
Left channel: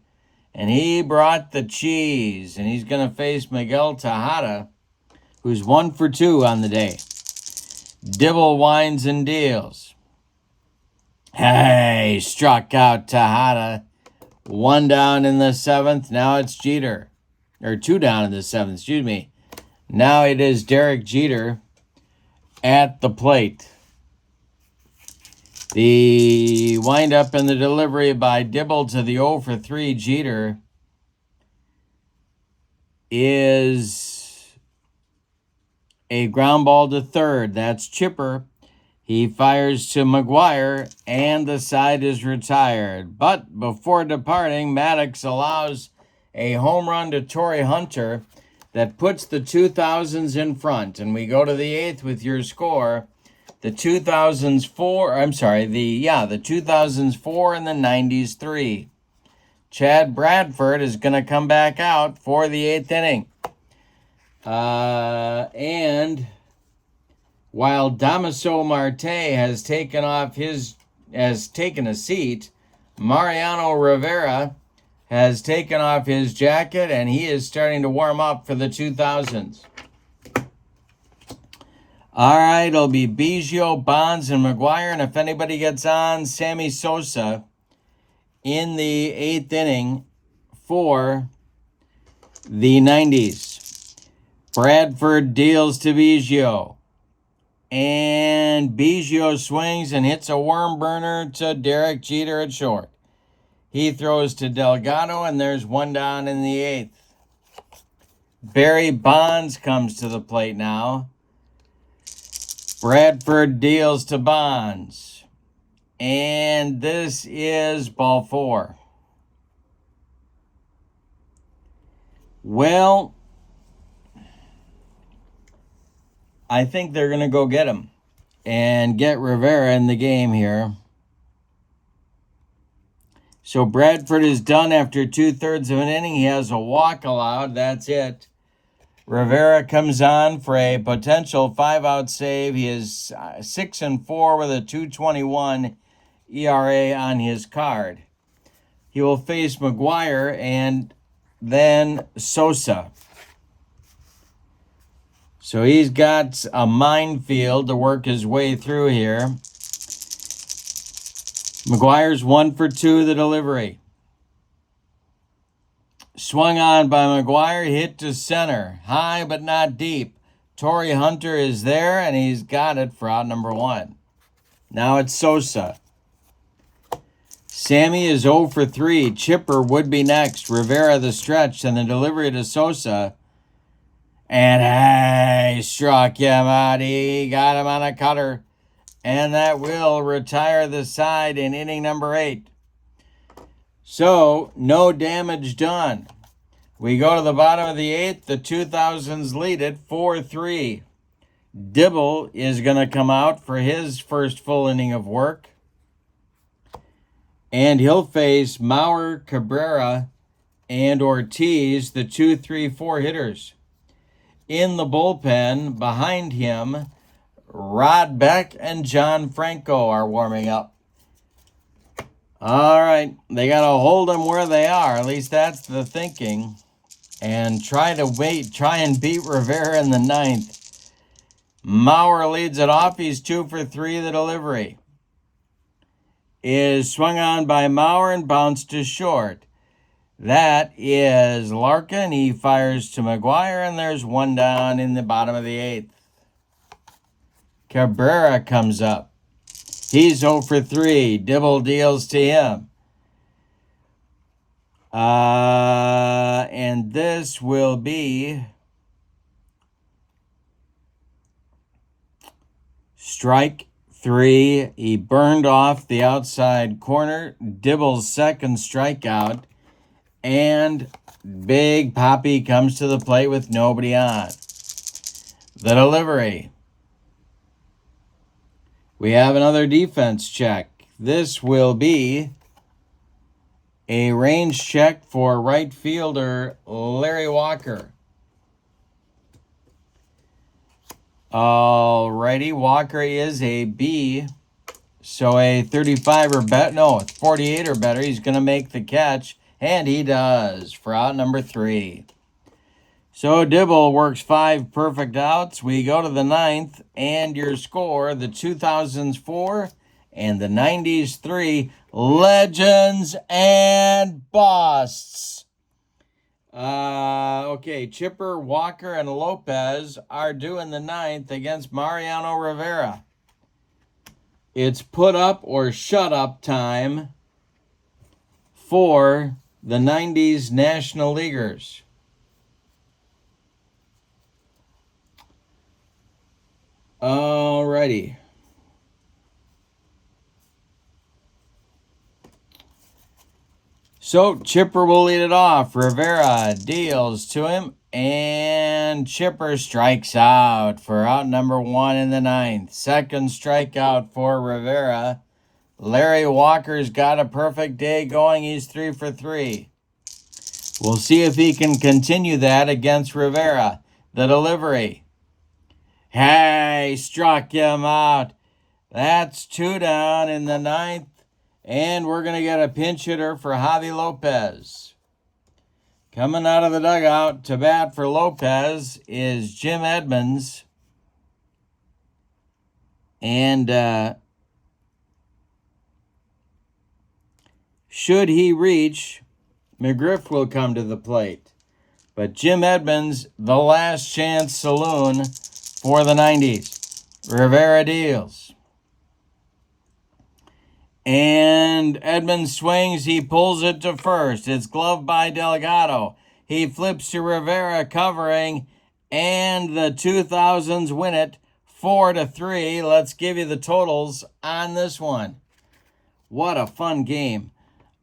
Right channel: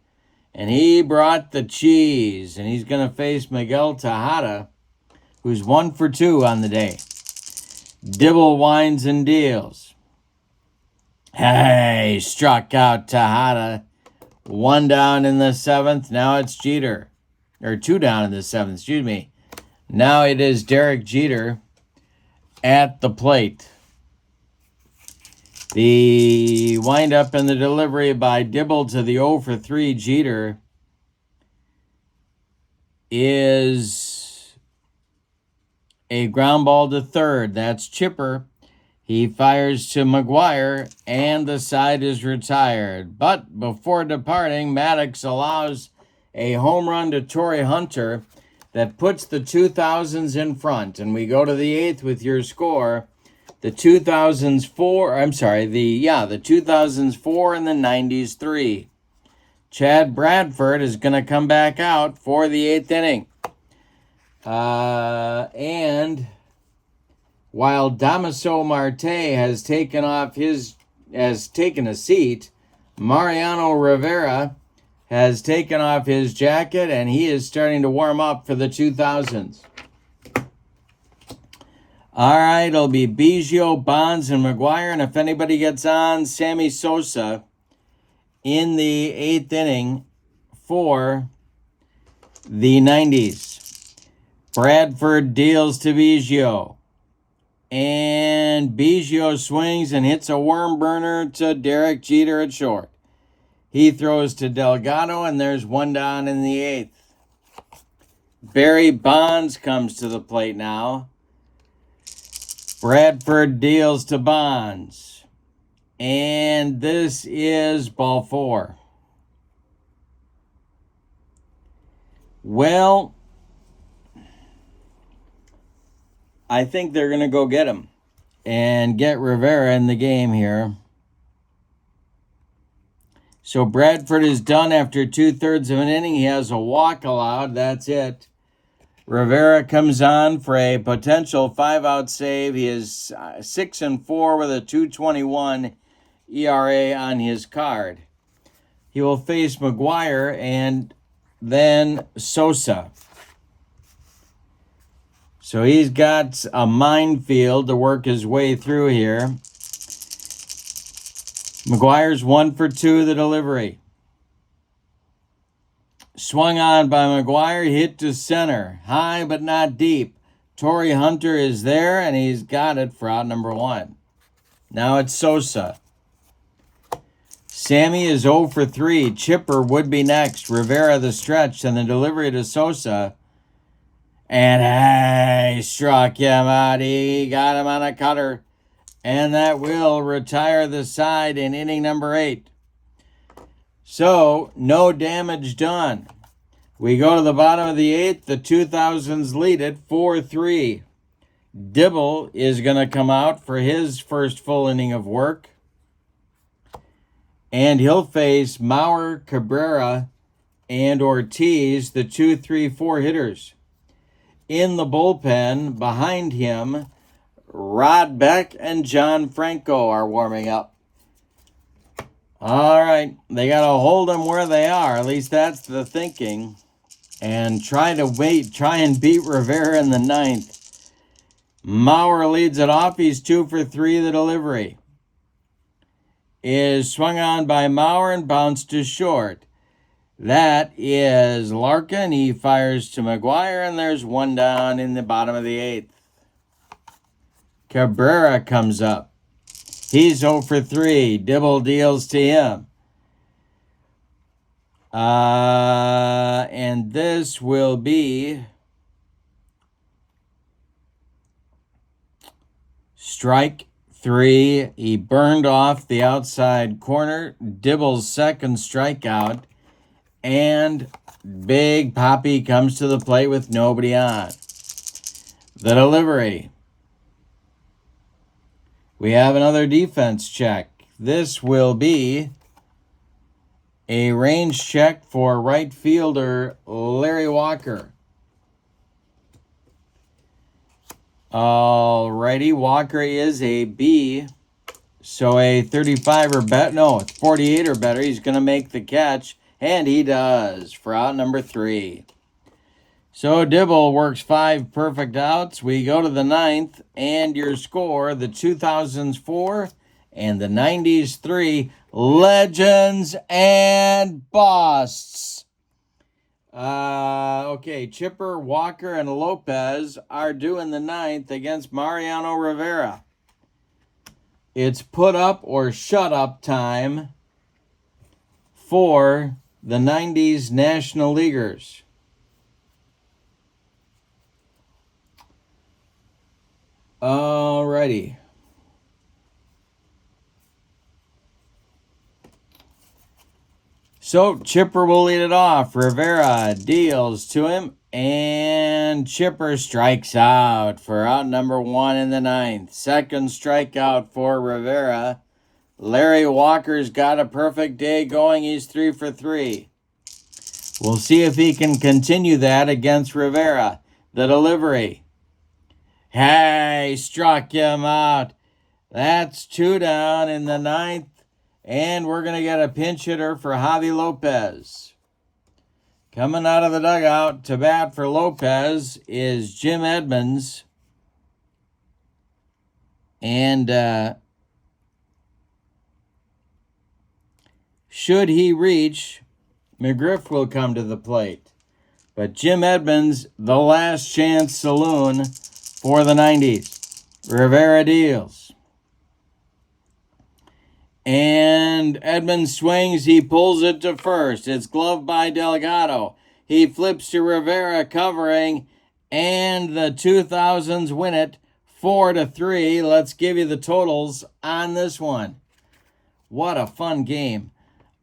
And he brought the cheese. And he's going to face Miguel Tejada, who's 1 for 2 on the day. Dibble winds and deals. Hey, struck out Tejada. 1 down in the 7th. Now it's Jeter. Or 2 down in the 7th, excuse me. Now it is Derek Jeter at the plate. The windup and the delivery by Dibble to the 0 for 3 Jeter is a ground ball to third. That's Chipper. He fires to McGuire, and the side is retired. But before departing, Maddux allows a home run to Torrey Hunter that puts the 2000s in front. And we go to the 8th with your score. The 2000s 4, the 2000s 4 and the 90s 3. Chad Bradford is going to come back out for the 8th inning. And while Damaso Marte has taken a seat, Mariano Rivera has taken off his jacket, and he is starting to warm up for the 2000s. All right, it'll be Biggio, Bonds, and McGuire, and if anybody gets on, Sammy Sosa in the 8th inning for the 90s. Bradford deals to Biggio, and Biggio swings and hits a worm burner to Derek Jeter at short. He throws to Delgado, and there's 1 down in the 8th. Barry Bonds comes to the plate now. Bradford deals to Bonds. And this is ball 4. Well, I think they're going to go get him and get Rivera in the game here. So Bradford is done after 2/3 of an inning. He has a walk allowed. That's it. Rivera comes on for a potential 5-out save. He is 6-4 with a 2.21 ERA on his card. He will face McGuire and then Sosa. So he's got a minefield to work his way through here. McGuire's 1 for 2 the delivery. Swung on by McGuire, hit to center. High but not deep. Torrey Hunter is there, and he's got it for out number 1. Now it's Sosa. Sammy is 0 for 3. Chipper would be next. Rivera the stretch, and the delivery to Sosa. And he struck him out. He got him on a cutter. And that will retire the side in inning number 8. So, no damage done. We go to the bottom of the 8th. The 2000s lead it 4-3. Dibble is going to come out for his first full inning of work. And he'll face Maurer, Cabrera, and Ortiz, the 2, 3, 4 hitters. In the bullpen, behind him, Rod Beck and John Franco are warming up. All right, they got to hold them where they are. At least that's the thinking. And try and beat Rivera in the ninth. Maurer leads it off. He's 2 for 3. The delivery is swung on by Maurer and bounced to short. That is Larkin. He fires to McGuire, and there's one down in the bottom of the 8th. Cabrera comes up. He's 0 for 3. Dibble deals to him. And this will be strike 3. He burned off the outside corner. Dibble's second strikeout. And Big Papi comes to the plate with nobody on. The delivery. We have another defense check. This will be a range check for right fielder Larry Walker. Alrighty, Walker is a B. So a 35 or better, no, it's 48 or better. He's going to make the catch, and he does for out number 3. So Dibble works 5 perfect outs. We go to the 9th, and your score, the 2000s 4 and the 90s 3, legends and busts. Okay, Chipper, Walker, and Lopez are due in the 9th against Mariano Rivera. It's put up or shut up time for the 90s National Leaguers. Alrighty. So Chipper will lead it off. Rivera deals to him, and Chipper strikes out for out number 1 in the 9th. Second strikeout for Rivera. Larry Walker's got a perfect day going. He's 3 for 3. We'll see if he can continue that against Rivera. The delivery. Hey, struck him out. That's 2 down in the 9th. And we're going to get a pinch hitter for Javi Lopez. Coming out of the dugout to bat for Lopez is Jim Edmonds. And should he reach, McGriff will come to the plate. But Jim Edmonds, the last chance saloon for the 90s. Rivera deals. And Edmonds swings. He pulls it to first. It's gloved by Delgado. He flips to Rivera covering. And the 2000s win it 4-3. Let's give you the totals on this one. What a fun game.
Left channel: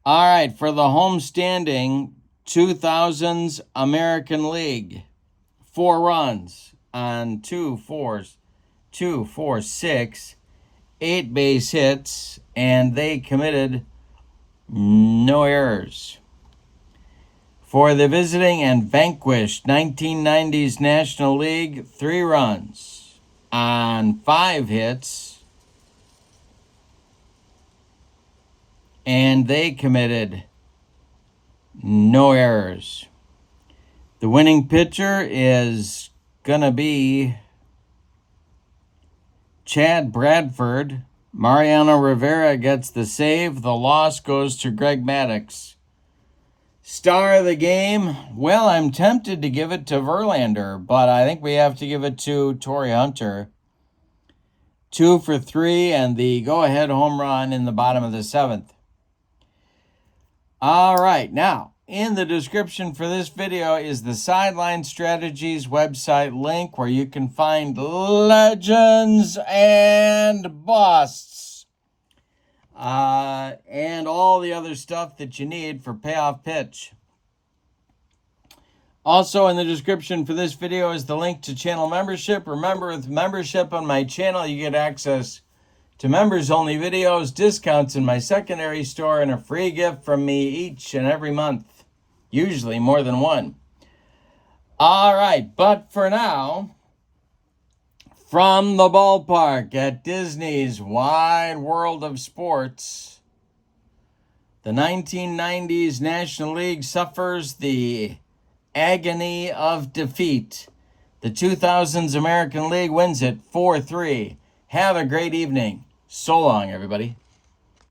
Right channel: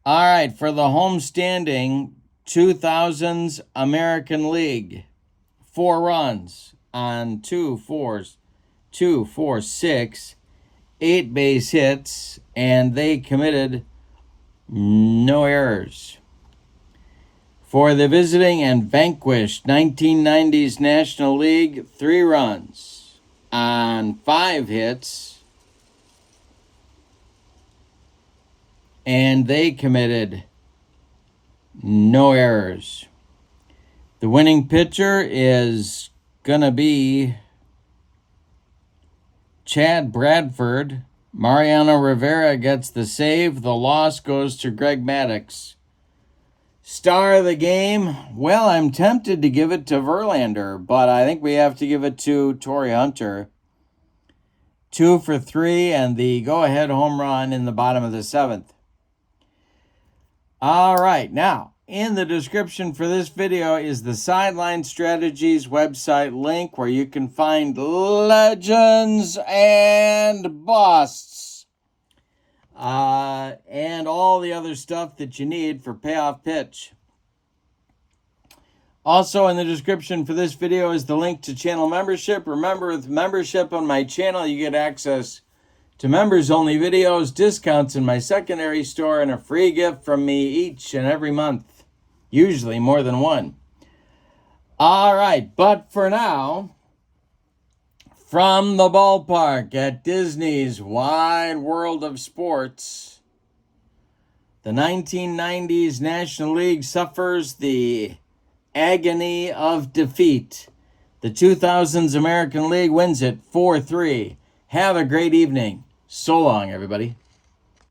All right, for the home standing 2000s American League. 4 runs on 2 4s. 2, 4, 6. 8 base hits, and they committed no errors. For the visiting and vanquished 1990s National League, 3 runs on 5 hits, and they committed no errors. The winning pitcher is going to be Chad Bradford. Mariano Rivera gets the save. The loss goes to Greg Maddux. Star of the game, well, I'm tempted to give it to Verlander, but I think we have to give it to Torrey Hunter. 2 for 3 and the go-ahead home run in the bottom of the 7th. All right, now, in the description for this video is the Sideline Strategies website link where you can find legends and busts. And all the other stuff that you need for Payoff Pitch. Also, in the description for this video is the link to channel membership. Remember, with membership on my channel, you get access to members-only videos, discounts in my secondary store, and a free gift from me each and every month. Usually more than one. All right, but for now, from the ballpark at Disney's Wide World of Sports, the 1990s National League suffers the agony of defeat. The 2000s American League wins it 4-3. Have a great evening. So long, everybody.